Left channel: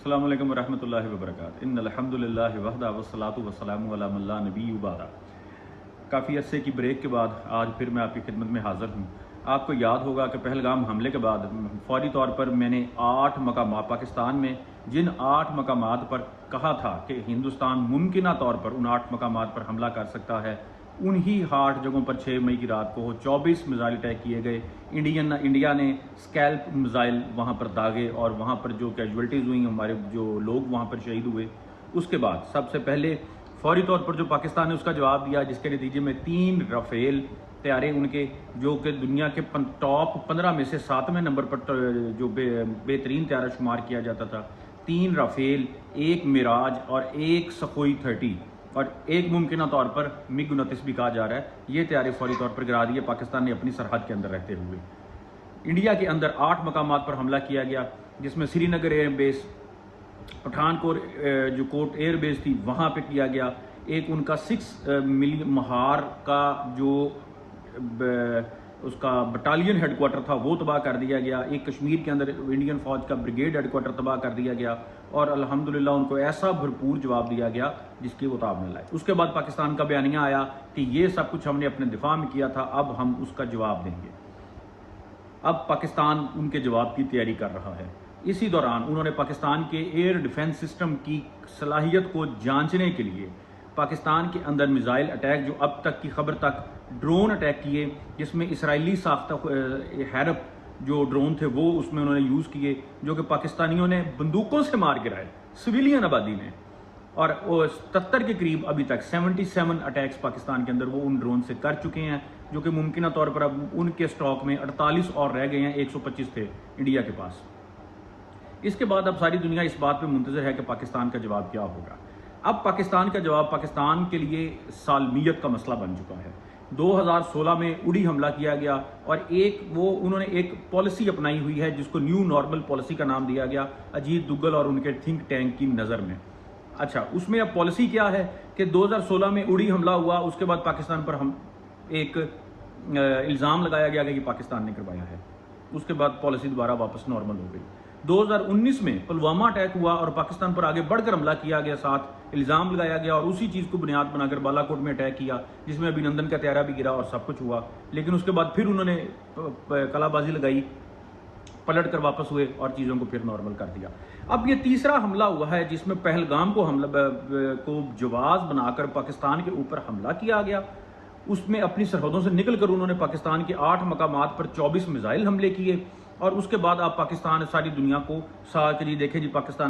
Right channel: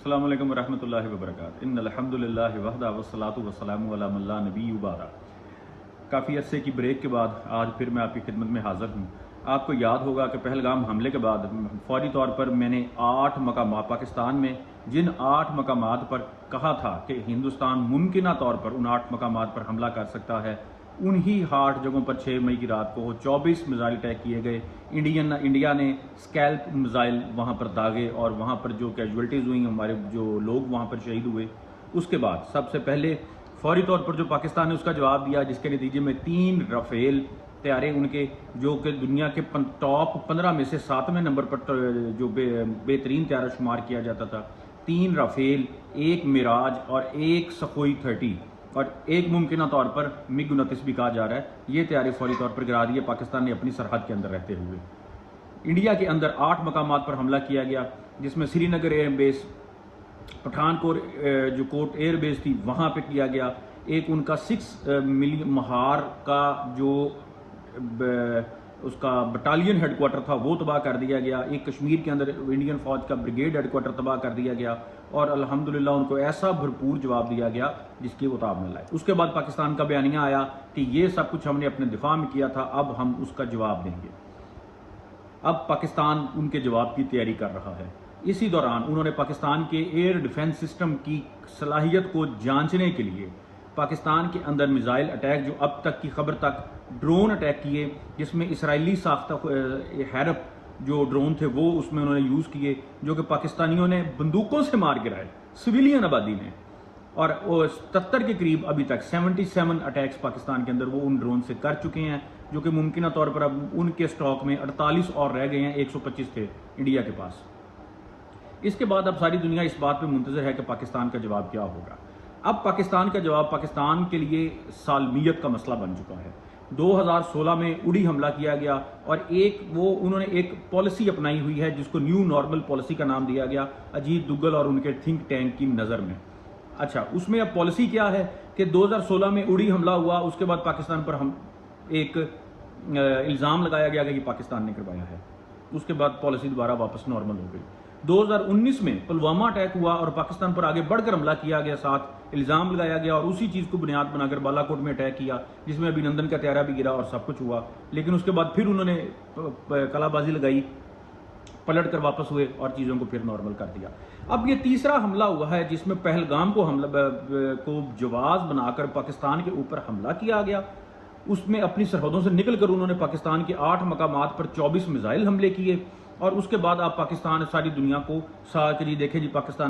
السلام علیکم ورحمۃ اللہ وبرکاتہ۔ ان الحمد للہ وحدہ والصلاۃ والسلام علی من لا نبی بعدہ۔ کافی عرصے کی بریک کے بعد آج پھر میں آپ کی خدمت میں حاضر ہوں۔ آپ کو یاد ہوگا کہ پہلگام حملے کے بعد فوری طور پر میں نے 8 مقامات پاکستان میں جن 8 مقامات پر کہا تھا کہ ہندوستان ممکنہ طور پر ان 8 مقامات پر حملہ کر سکتا ہے، انہی 8 جگہوں پر 6 مئی کی رات کو 24 میزائل اٹیک کیے گئے۔ انڈیا نے اسکیلپ میزائل وہاں پر داغے اور وہاں پر جو کیجولٹیز ہوئیں، ہمارے جو لوگ وہاں پر شہید ہوئے۔ اس کے بعد سب سے پہلے فوری طور پر جو پاکستان نے اس کا جواب دیا، جس کے نتیجے میں 3 رافیل طیارے ان کے جو کہ دنیا کے ٹاپ 15 میں سے 7ویں نمبر پر جو بہترین طیارہ شمار کیا جاتا تھا، 3 رافیل، 1 میراج اور 1 سخوئی 30 اور ایک ممکنہ طور پر MiG 29 بھی کہا جا رہا ہے، یہ طیارے فوری طور پر گرا دیے پاکستان نے اپنی سرحد کے اندر رہتے ہوئے۔ انڈیا کے اندر 8 مقامات پر حملہ کیا گیا، جس میں سری نگر ایئر بیس، پٹھان کوٹ ایئر بیس تھی وہاں پہ کیا گیا، ایک ان کا 6 ملین مہار کا جو اس کا بٹالین ہیڈ کوارٹر تھا وہ تباہ کر دیا گیا، ایک کشمیر کے اندر انڈین فوج کا بریگیڈ ہیڈ کوارٹر تباہ کر دیا گیا، اور الحمدللہ ان کو ایسا بھرپور جواب دیا گیا جس کی وہ تاب نہ لائے۔ اس کے بعد پاکستان کا بیانیہ آیا کہ یہ سب کچھ ہم نے اپنے دفاع میں کیا تھا، اب ہم اس کا جواب دیں گے۔ اب پاکستان ان کے جواب کی تیاری کر رہا ہے۔ اسی دوران انہوں نے پاکستان کے ایئر ڈیفنس سسٹم کی صلاحیت کو جانچنے کے لیے پاکستان کے اندر میزائل اٹیک، جو اب تک کی خبر تک ڈرون اٹیک کیے، جس میں اسرائیلی ساختہ ہیرپ جو ڈرون تھے وہ اس میں انہوں نے یوز کیے، جو کہ پاکستانیوں نے بندوقوں سے مار گرائے سویلین آبادی میں، اور 77 کے قریب ابھی تک 77 اٹیکس پاکستان کے اندر وہ ان ڈرون سے کر چکے ہیں، جو کہ ممکنہ طور پر اب ان کے سٹاک میں 48 اور رہ گئے ہیں، 125 تھے انڈیا کے پاس۔ اس کے بعد اب ساری دنیا اس بات میں منتظر ہے کہ پاکستان کا جواب کیا ہوگا۔ اب پاکستان کا جواب پاکستان کے لیے سالمیت کا مسئلہ بن چکا ہے۔ 2016 میں اڑی حملہ کیا گیا، اور انہوں نے ایک پالیسی اپنائی ہوئی ہے جس کو نیو نارمل پالیسی کا نام دیا گیا اجیت دوگل اور ان کے تھنک ٹینک کی نظر میں۔ اچھا، اس میں اب پالیسی کیا ہے کہ 2016 میں اڑی حملہ ہوا، اس کے بعد پاکستان پر ایک الزام لگایا گیا کہ یہ پاکستان نے کروایا ہے، اس کے بعد پالیسی دوبارہ واپس نارمل ہو گئی۔ 2019 میں پلوامہ اٹیک ہوا اور پاکستان پر آگے بڑھ کر حملہ کیا گیا، ساتھ الزام لگایا گیا، اور اسی چیز کو بنیاد بنا کر بالا کوٹ میں اٹیک کیا، جس میں ابھینندن کا طیارہ بھی گرا اور سب کچھ ہوا، لیکن اس کے بعد پھر انہوں نے کلا بازی لگائی، پلٹ کر واپس ہوئے اور چیزوں کو پھر نارمل کر دیا۔ اب یہ تیسرا حملہ ہوا ہے جس میں پہلگام کو جواز بنا کر پاکستان کے اوپر حملہ کیا گیا، اس میں اپنی سرحدوں سے نکل کر انہوں نے پاکستان کے 8 مقامات پر 24 میزائل حملے کیے، اور اس کے بعد آپ پاکستان ساری دنیا کو ساتھ دیکھیں جی پاکستان